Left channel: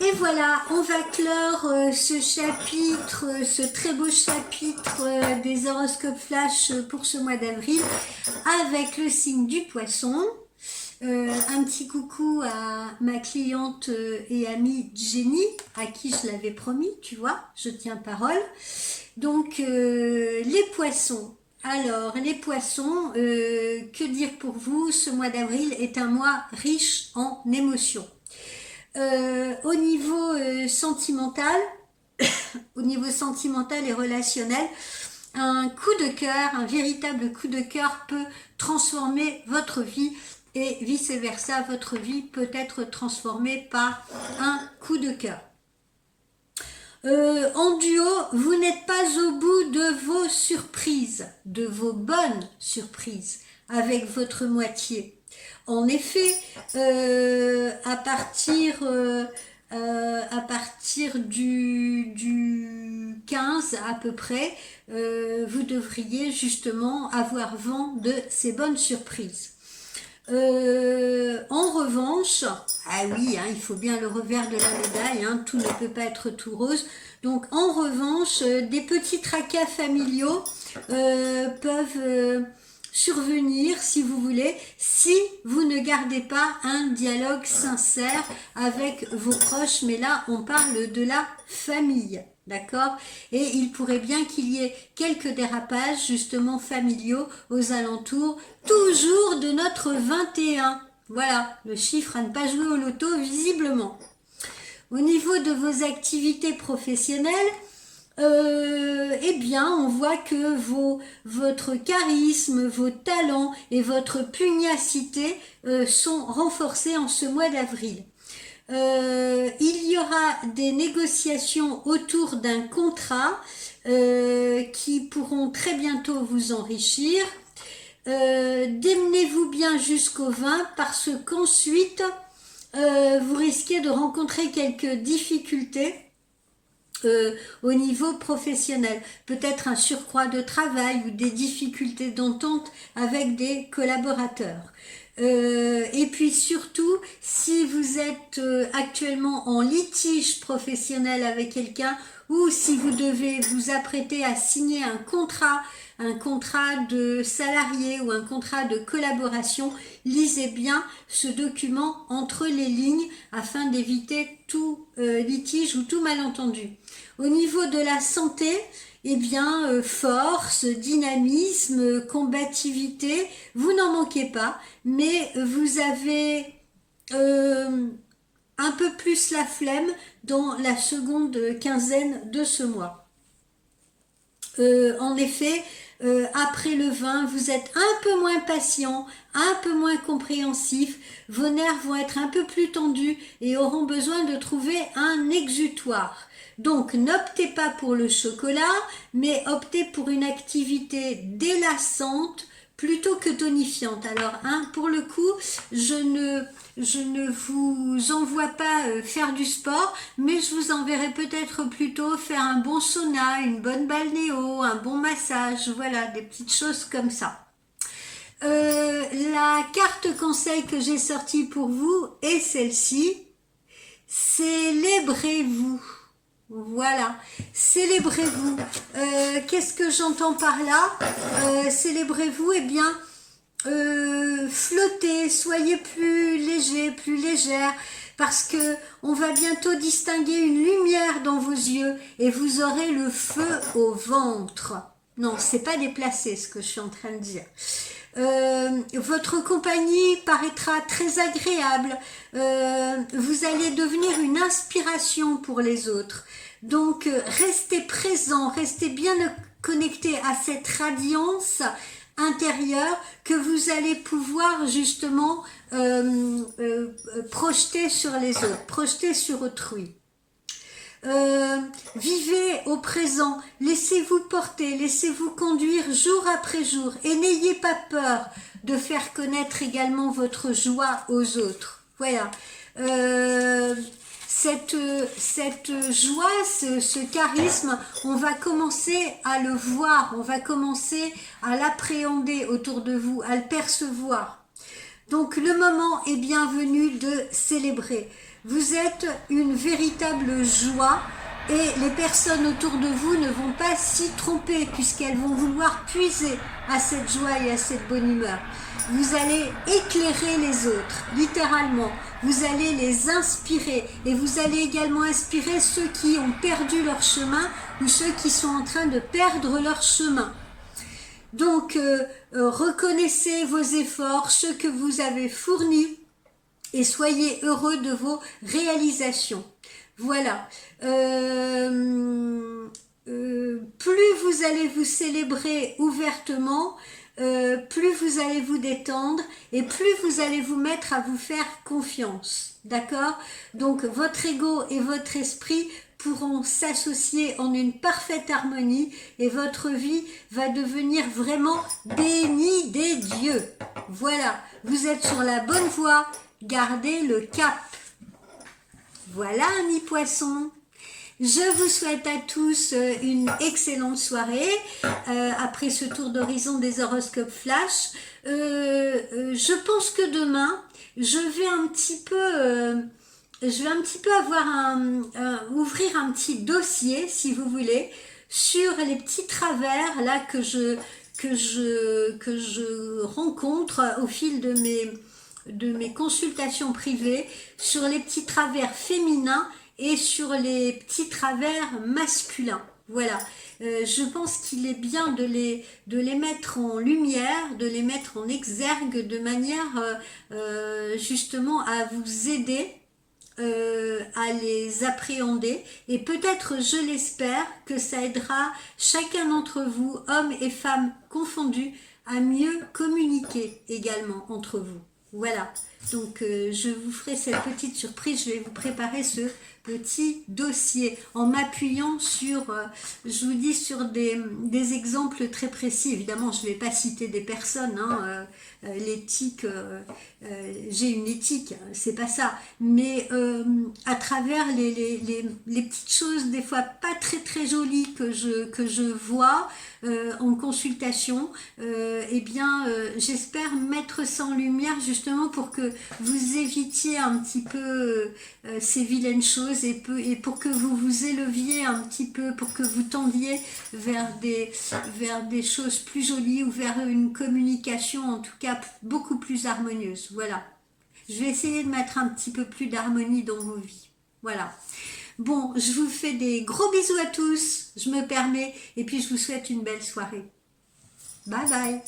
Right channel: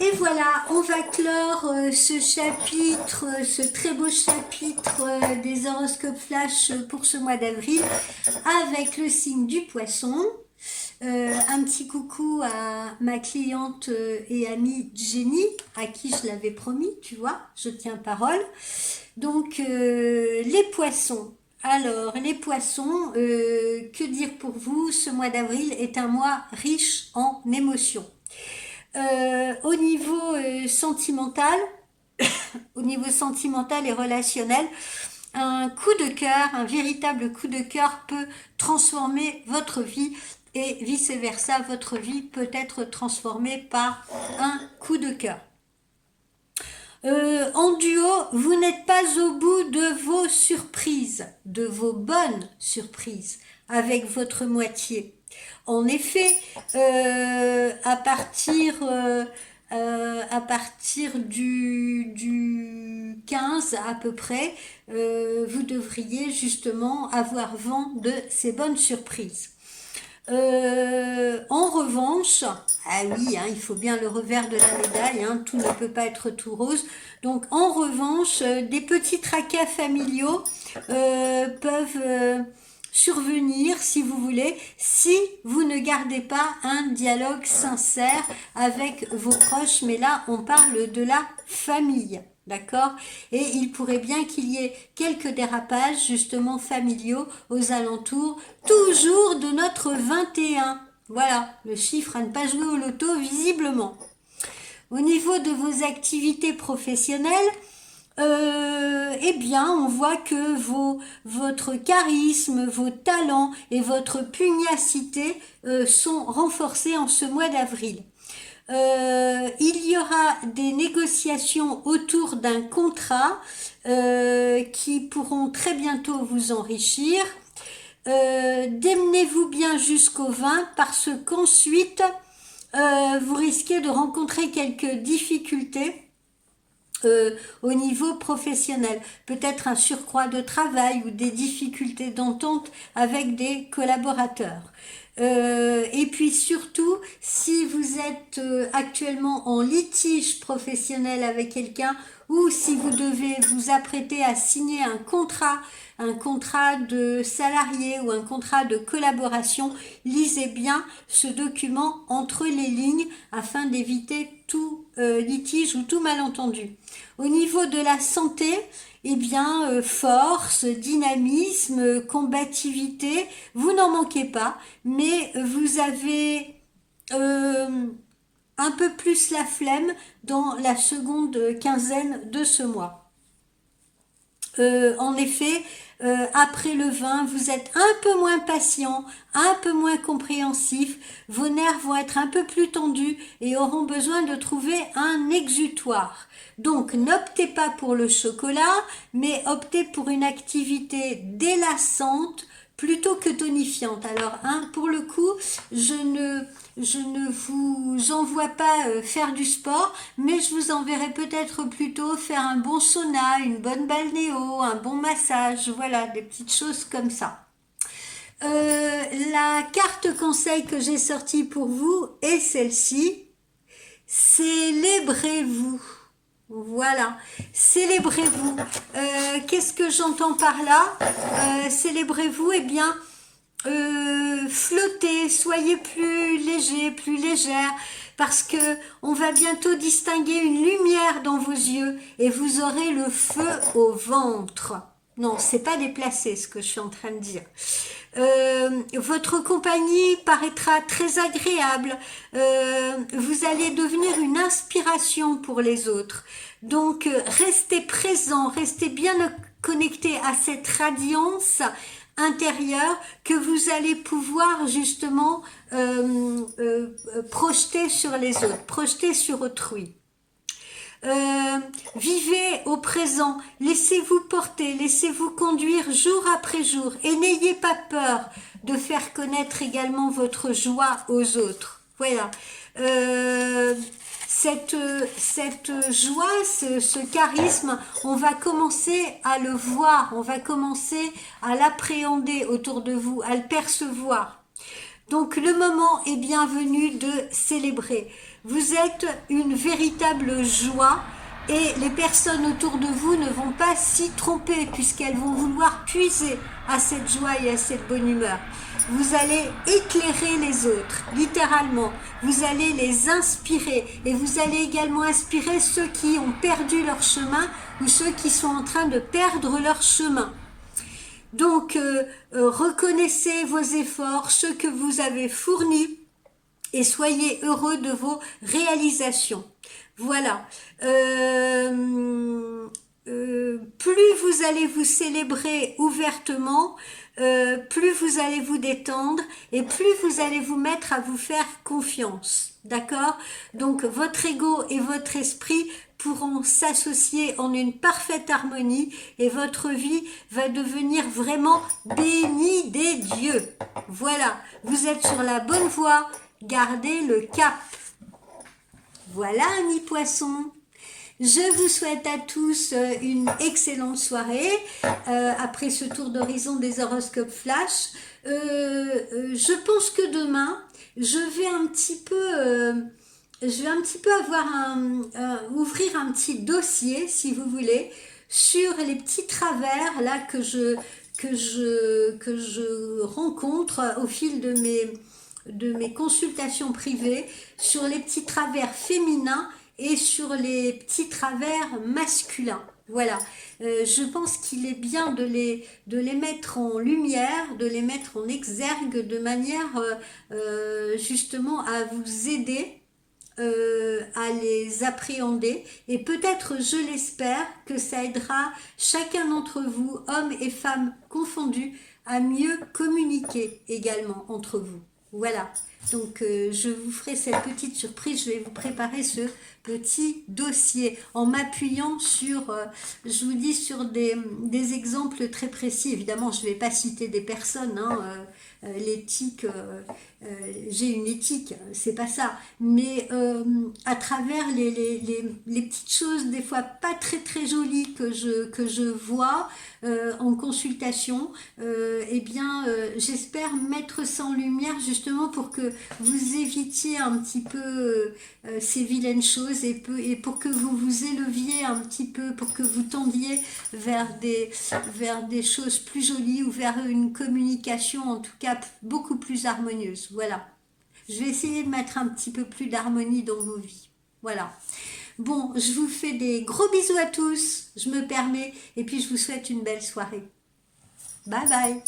Et voilà, on va clore ce chapitre, ce très beau chapitre des horoscopes flash pour ce mois d'avril avec le signe du poisson. Un petit coucou à ma cliente et amie Jenny, à qui je l'avais promis, tu vois, je tiens parole. Donc, les poissons. Alors, les poissons, que dire pour vous? Ce mois d'avril est un mois riche en émotions. Au niveau sentimental, au niveau sentimental et relationnel, un coup de cœur, un véritable coup de cœur peut transformer votre vie et vice-versa, votre vie peut être transformée par un coup de cœur. En duo, vous n'êtes pas au bout de vos surprises, de vos bonnes surprises avec votre moitié. En effet, à partir du 15 à peu près, vous devriez justement avoir vent de ces bonnes surprises. En revanche, ah oui, hein, il faut bien le revers de la médaille, hein, tout ne peut pas être tout rose. Donc en revanche, des petits tracas familiaux peuvent survenir, si vous voulez, si vous ne gardez pas un dialogue sincère avec vos proches. Mais là, on parle de la famille. D'accord? Et il pourrait bien qu'il y ait quelques dérapages justement familiaux aux alentours, toujours de notre 21. Voilà, le chiffre à ne pas jouer au loto visiblement. Au niveau de vos activités professionnelles, eh bien, on voit que votre charisme, vos talents et votre pugnacité sont renforcés en ce mois d'avril. Il y aura des négociations autour d'un contrat qui pourront très bientôt vous enrichir. Démenez-vous bien jusqu'au 20 parce qu'ensuite vous risquez de rencontrer quelques difficultés au niveau professionnel, peut-être un surcroît de travail ou des difficultés d'entente avec des collaborateurs. Et puis surtout, si vous êtes actuellement en litige professionnel avec quelqu'un ou si vous devez vous apprêter à signer un contrat de salarié ou un contrat de collaboration, lisez bien ce document entre les lignes afin d'éviter tout litige ou tout malentendu. Au niveau de la santé, eh bien, force, dynamisme, combativité, vous n'en manquez pas, mais vous avez un peu plus la flemme dans la seconde quinzaine de ce mois. En effet, après le 20, vous êtes un peu moins patient, un peu moins compréhensif, vos nerfs vont être un peu plus tendus et auront besoin de trouver un exutoire. Donc n'optez pas pour le chocolat, mais optez pour une activité délassante plutôt que tonifiante. Alors, hein, pour le coup, je ne vous envoie pas faire du sport, mais je vous enverrai peut-être plutôt faire un bon sauna, une bonne balnéo, un bon massage, voilà, des petites choses comme ça. La carte conseil que j'ai sortie pour vous est celle-ci. Célébrez-vous. Voilà, célébrez-vous. Qu'est-ce que j'entends par là? Célébrez-vous, eh bien, flottez, soyez plus léger, plus légère, parce que on va bientôt distinguer une lumière dans vos yeux et vous aurez le feu au ventre. Non, c'est pas déplacé ce que je suis en train de dire. Votre compagnie paraîtra très agréable. Vous allez devenir une inspiration pour les autres. Donc, restez présent, restez bien connecté à cette radiance intérieure que vous allez pouvoir justement projeter sur les autres, projeter sur autrui. Vivez au présent, laissez-vous porter, laissez-vous conduire jour après jour et n'ayez pas peur de faire connaître également votre joie aux autres. Voilà. Cette joie, ce charisme, on va commencer à le voir, on va commencer à l'appréhender autour de vous, à le percevoir. Donc le moment est bienvenu de célébrer. Vous êtes une véritable joie et les personnes autour de vous ne vont pas s'y tromper puisqu'elles vont vouloir puiser à cette joie et à cette bonne humeur. Vous allez éclairer les autres, littéralement. Vous allez les inspirer et vous allez également inspirer ceux qui ont perdu leur chemin ou ceux qui sont en train de perdre leur chemin. Donc, reconnaissez vos efforts, ceux que vous avez fournis et soyez heureux de vos réalisations. Voilà. Plus vous allez vous célébrer ouvertement, plus vous allez vous détendre et plus vous allez vous mettre à vous faire confiance. D'accord? Donc votre ego et votre esprit pourront s'associer en une parfaite harmonie et votre vie va devenir vraiment bénie des dieux. Voilà, vous êtes sur la bonne voie, gardez le cap. Voilà, amis poissons. Je vous souhaite à tous une excellente soirée après ce tour d'horizon des horoscopes flash. Je pense que demain, je vais un petit peu ouvrir un petit dossier, si vous voulez, sur les petits travers là que je rencontre au fil de mes consultations privées, sur les petits travers féminins et sur les petits travers masculins. Voilà, je pense qu'il est bien de les mettre en lumière, de les mettre en exergue de manière justement à vous aider à les appréhender et peut-être, je l'espère, que ça aidera chacun d'entre vous, hommes et femmes confondus, à mieux communiquer également entre vous. Voilà, donc je vous ferai cette petite surprise, je vais vous préparer ce petit dossier en m'appuyant sur, je vous dis, sur des exemples très précis. Évidemment, je ne vais pas citer des personnes, hein, l'éthique, j'ai une éthique, c'est pas ça, mais à travers les petites choses, des fois pas très jolies que je vois en consultation, eh bien j'espère mettre ça en lumière justement pour que vous évitiez un petit peu ces vilaines choses et pour que vous vous éleviez un petit peu, pour que vous tendiez vers des choses plus jolies ou vers une communication en tout cas beaucoup plus harmonieuse. Voilà. Je vais essayer de mettre un petit peu plus d'harmonie dans vos vies. Voilà. Bon, je vous fais des gros bisous à tous, je me permets, et puis je vous souhaite une belle soirée. Bye bye.